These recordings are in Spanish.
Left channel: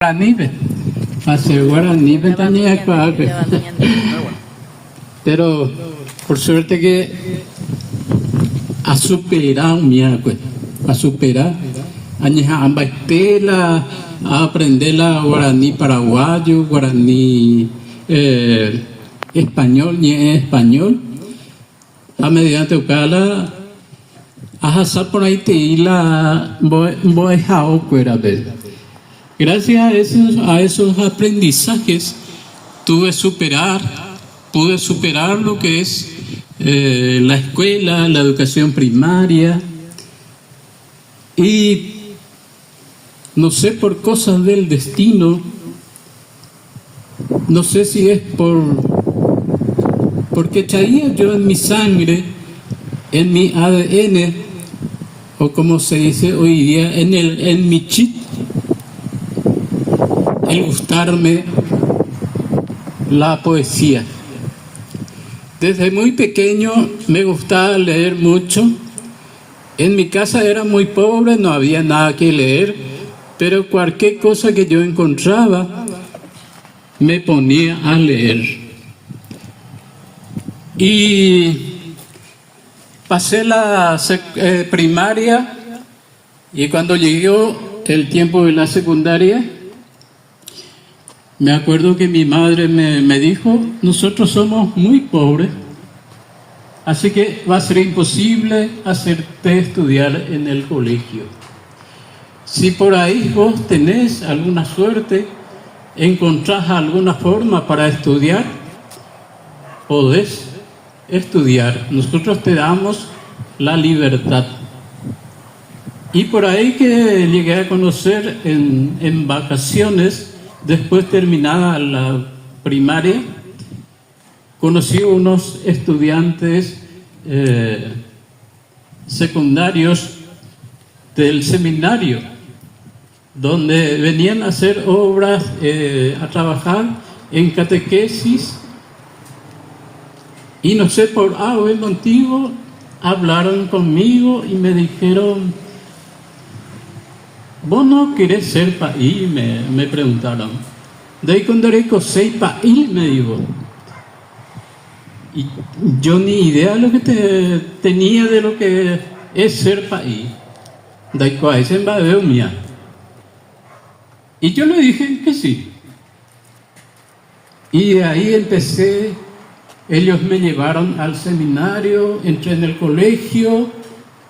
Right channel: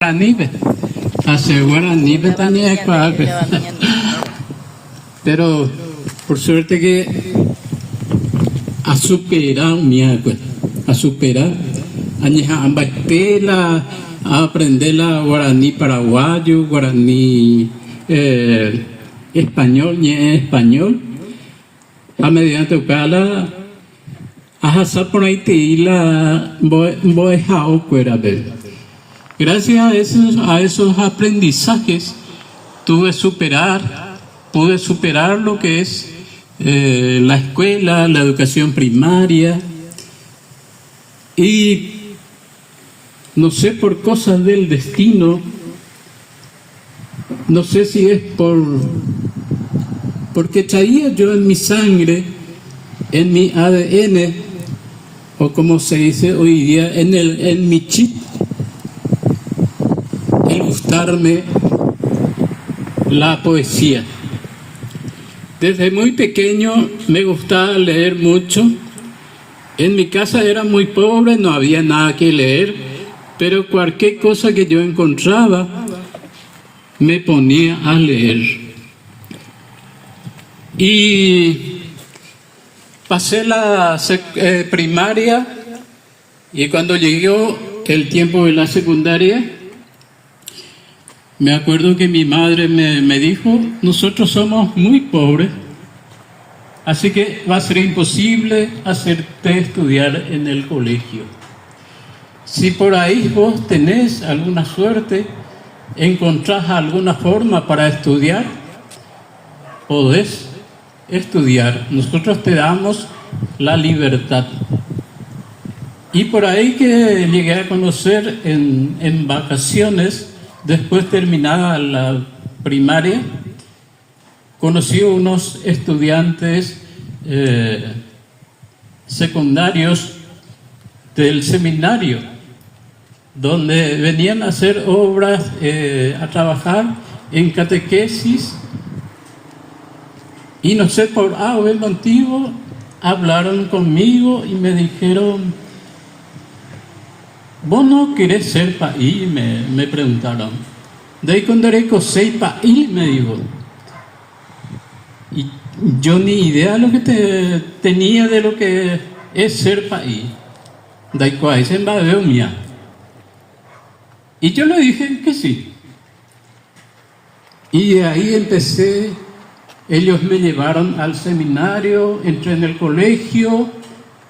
Guaranibe, hace Guaranibe tenía que pero por suerte que ha superado mi agua, ha superado, añeja ambaitela, a aprender la guaraní paraguayo, guaraní español, ni español, a mediante cala, a por ahí te la voy a cuera ver. Gracias a esos aprendizajes pude superar lo que es la escuela, la educación primaria, y no sé, por cosas del destino, no sé si es porque traía yo en mi sangre, en mi ADN, o como se dice hoy día, en mi chip, el gustarme la poesía. Desde muy pequeño me gustaba leer mucho. En mi casa era muy pobre, no había nada que leer, pero cualquier cosa que yo encontraba me ponía a leer. Y pasé la primaria, y cuando llegó el tiempo de la secundaria, me acuerdo que mi madre me dijo: nosotros somos muy pobres, así que va a ser imposible hacerte estudiar en el colegio. Si por ahí vos tenés alguna suerte, encontrás alguna forma para estudiar, podés estudiar. Nosotros te damos la libertad. Y por ahí que llegué a conocer en vacaciones, después terminada la primaria, conocí unos estudiantes secundarios del seminario, donde venían a hacer obras, a trabajar en catequesis, y no sé, por algún motivo hablaron conmigo y me dijeron: ¿vos no querés ser país? Me preguntaron. De ahí con derecho sei país, me dijo. Y yo ni idea de lo que tenía de lo que es ser país. De ahí con ese embadeo mía. Y yo le dije que sí. Y de ahí empecé. Ellos me llevaron al seminario, entré en el colegio,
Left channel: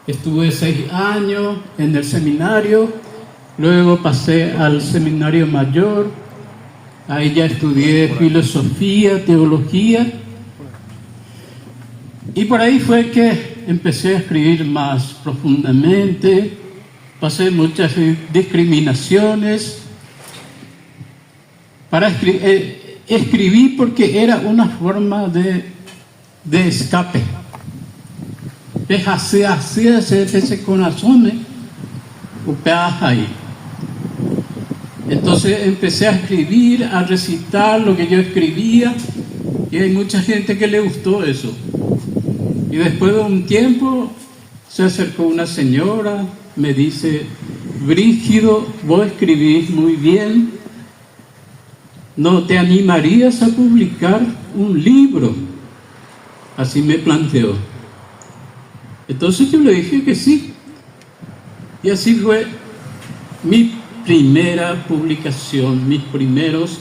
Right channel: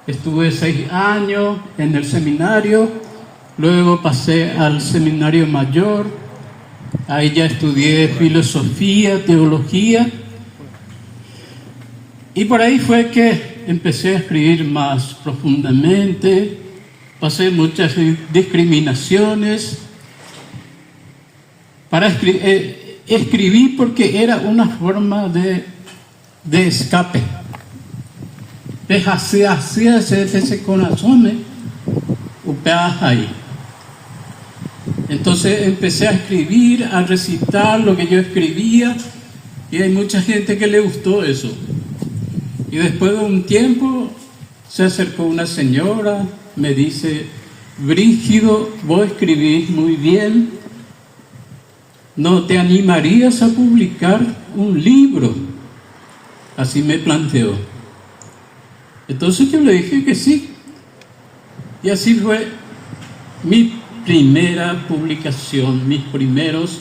estuve 6 años en el seminario. Luego pasé al seminario mayor, ahí ya estudié filosofía, teología, y por ahí fue que empecé a escribir más profundamente. Pasé muchas discriminaciones. Escribí porque era una forma de escape. Hacía ese corazón, ahí. Entonces empecé a escribir, a recitar lo que yo escribía, y hay mucha gente que le gustó eso. Y después de un tiempo se acercó una señora, me dice: Brígido, vos escribís muy bien, ¿no te animarías a publicar un libro? Así me planteó. Entonces yo le dije que sí. Y así fue mi primera publicación, mis primeros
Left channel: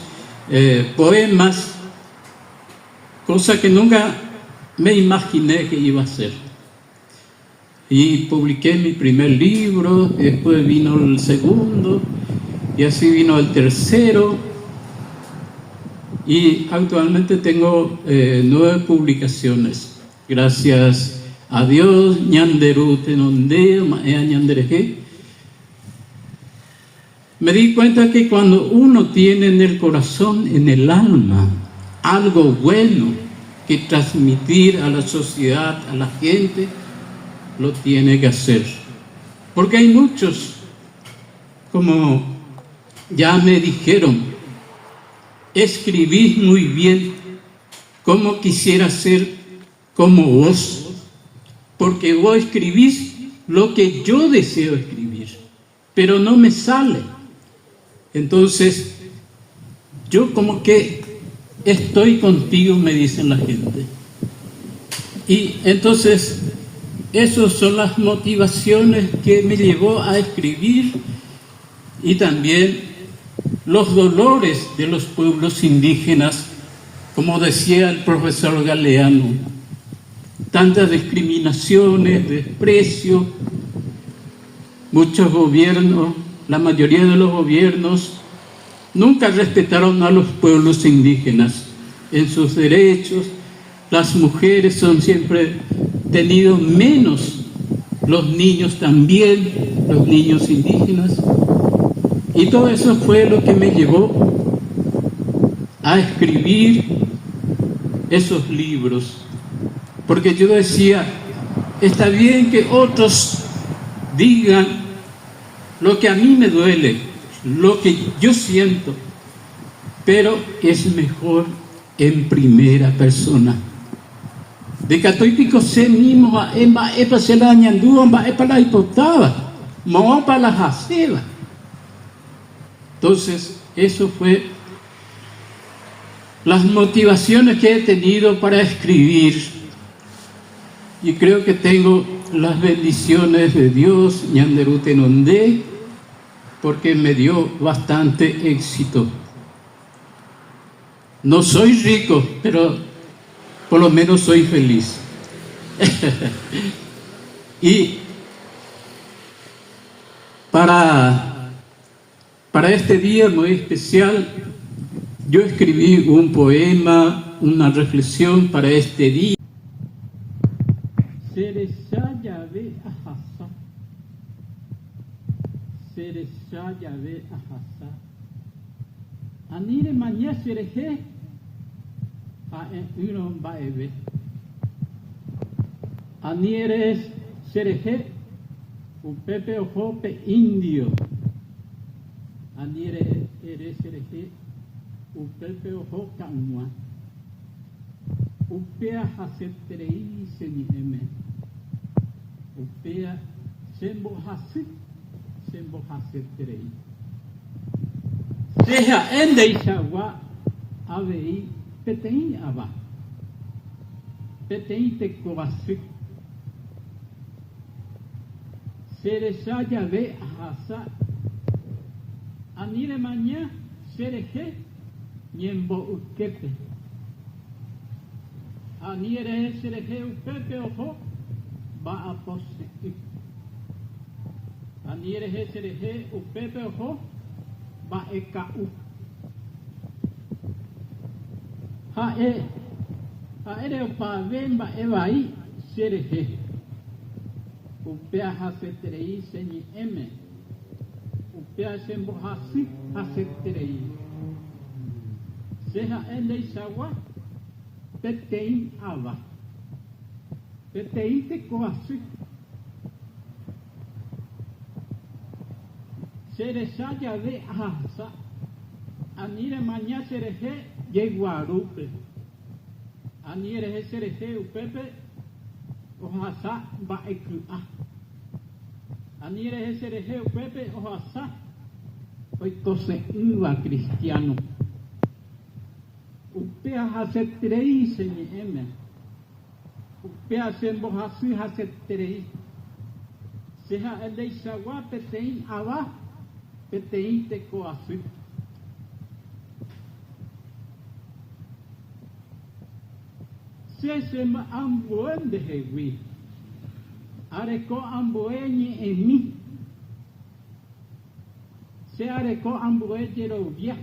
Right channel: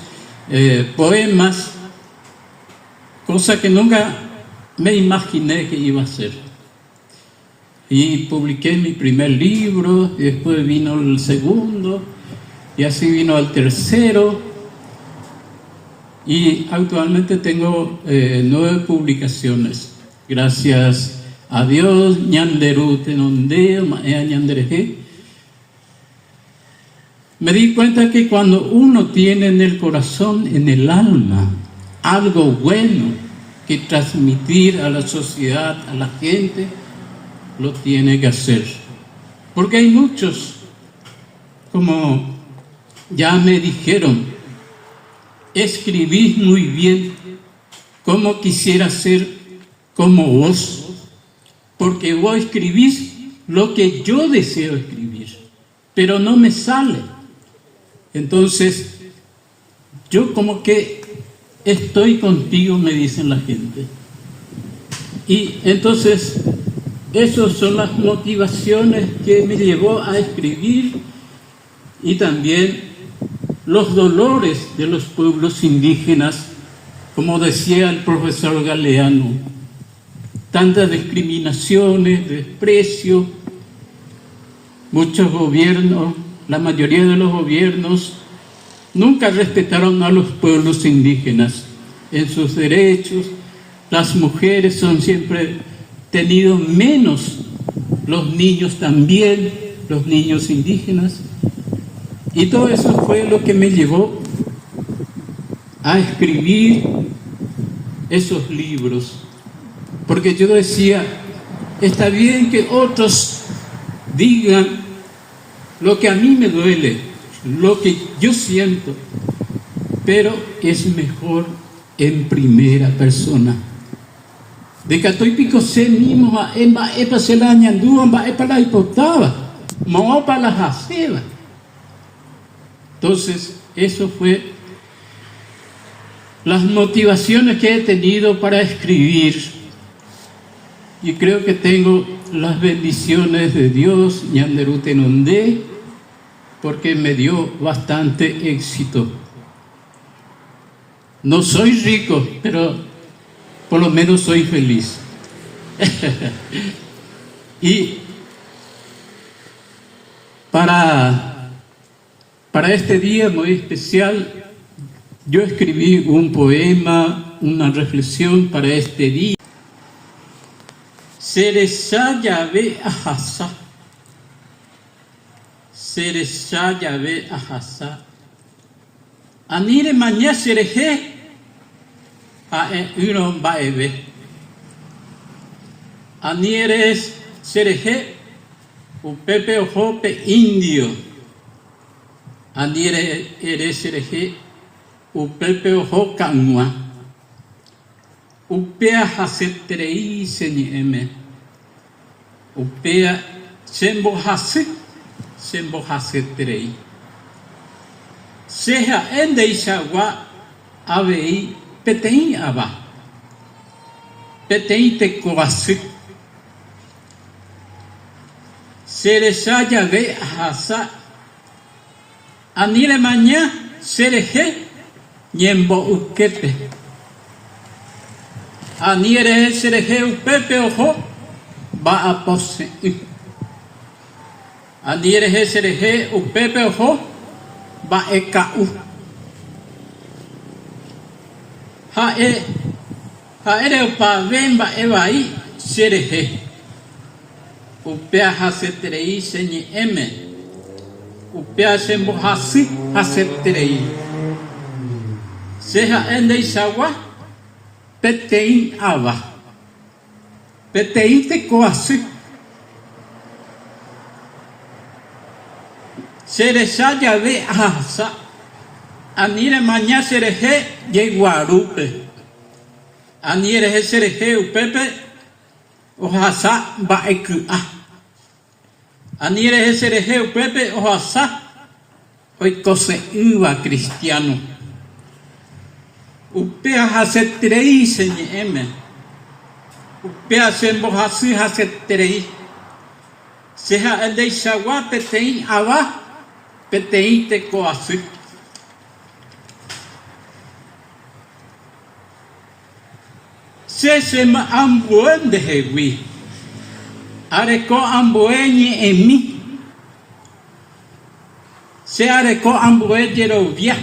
poemas, cosa que nunca me imaginé que iba a hacer. Y publiqué mi primer libro, después vino el segundo, y así vino el tercero, y actualmente tengo 9 publicaciones. Gracias a Dios, ñanderu tenonde, maea ñandereje. Me di cuenta que cuando uno tiene en el corazón, en el alma, algo bueno que transmitir a la sociedad, a la gente, lo tiene que hacer. Porque hay muchos, como ya me dijeron, escribís muy bien, como quisiera ser como vos, porque vos escribís lo que yo deseo escribir, pero no me sale. Entonces, yo como que estoy contigo, me dicen la gente. Y entonces, esas son las motivaciones que me llevó a escribir, y también los dolores de los pueblos indígenas, como decía el profesor Galeano, tantas discriminaciones, desprecio, muchos gobiernos, la mayoría de los gobiernos, nunca respetaron a los pueblos indígenas en sus derechos. Las mujeres son siempre tenidos menos, los niños también, los niños indígenas. Y todo eso fue lo que me llevó a escribir esos libros. Porque yo decía, está bien que otros digan lo que a mí me duele, lo que yo siento, pero es mejor en primera persona. De que estoy pico se mismo, epa se la añandúa, epa la hipotaba, mopa la jaceba. Entonces, eso fue las motivaciones que he tenido para escribir. Y creo que tengo las bendiciones de Dios, ñanderu tenondé, porque me dio bastante éxito. No soy rico, pero por lo menos soy feliz. Y para este día muy especial, yo escribí un poema, una reflexión para este día. Seresa Yahvé Ahasa. Seresa Yahvé Ahasa. Anire mañana sereje a uno baebe. Anire sereje upepe ojope indio. Anire ere sereje upepe ojo canua. Upea hasetrei señeme. Upea sembo hasetrei. Seja ende isagua avei petei aba. Petei te coase. Seresa Yahvé Ahasa. Anile mañana sereje ñembo ukepe. Aniere sereje upepe ojo va a pose. Aniere sereje upepe ojo va a ekau. Haere upa vemba evai sereje. Upea hasetrei señi eme. Upea sembo hasetrei. Seja ende isagua petei ava. Petei te coase. Seresa Yahvé Ahasa. Anire mañana sereje yeguarupe. Anire sereje upepe ohasa baekua. Anire sereje upepe ohasa oikose uva cristiano. Upea hasetrei señeme. Upea sembo hasetrei. Seja el de Isagua petei ava. Petei te coase. Se me ambuen de hewi. Areco ambueñi en mí. Se areco ambue yerovia.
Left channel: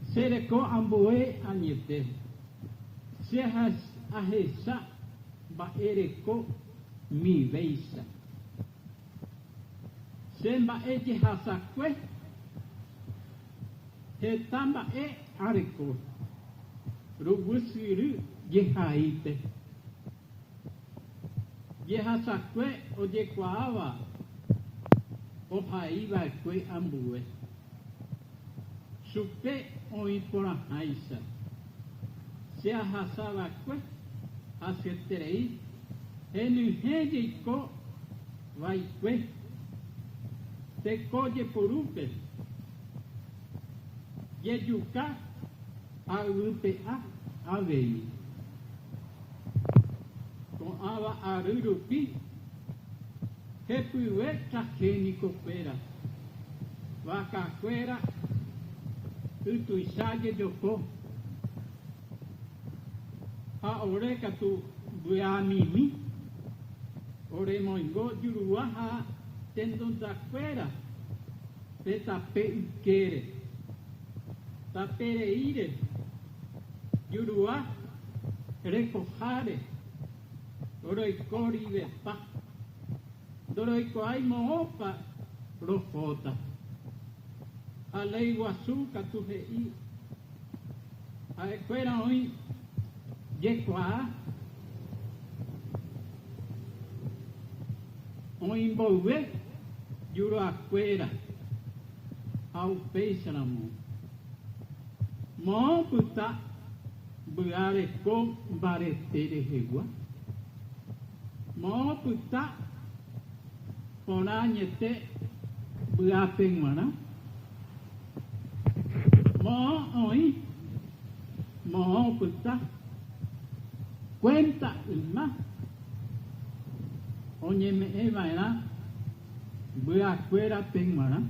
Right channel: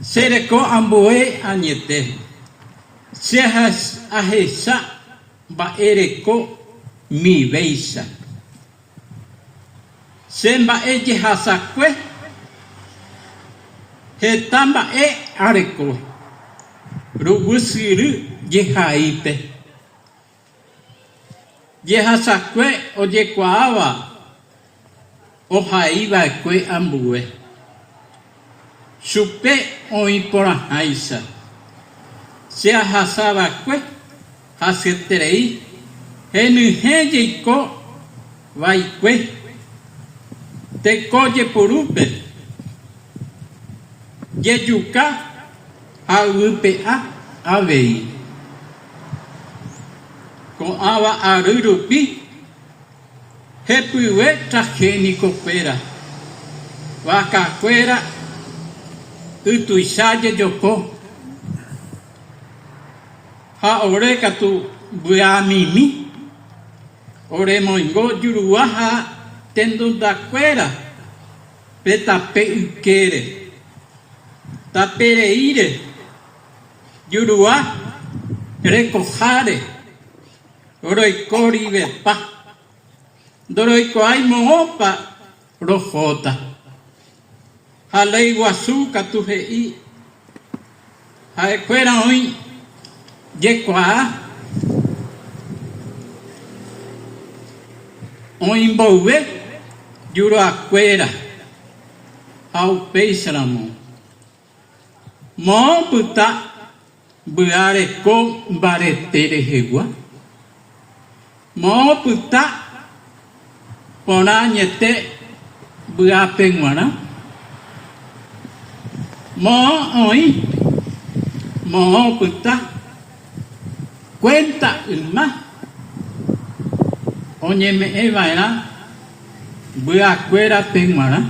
Se areco ambue añete. Se ajesa va ereco mi beisa. Semba eye hasakwe. Hetamba areco. Rubusiru yehaipe. Yehasakwe o yekuava. O jaiva kwe ambue. Supe o impora haisa. Se ahasaba kwe. Hasetrei. Henujeyiko vai kwe. Te coye porupe, jejuka aypea avei ko'ãva ary rupi hepyve transgénicokuéra vakakuéra ytuicha jejoko ha ore katu vy'amimi oremoingo jurua ha tenondakuéra pe tape ykére tapereíre jurua rekoháre roiko rivepa ndoroikuaái moõpa rohóta ha lei guasu katu he'i ha'ekuéra oĩ jekuaa oĩmboyve juruakuéra ha upéicharamo moõpyta vy'areko mbarete rehegua moõpyta porã añete vy'ápe g̃uarã moõ oĩ moõpyta cuenta yma oñeme'ẽva'erã vy'akuéra pe g̃uarã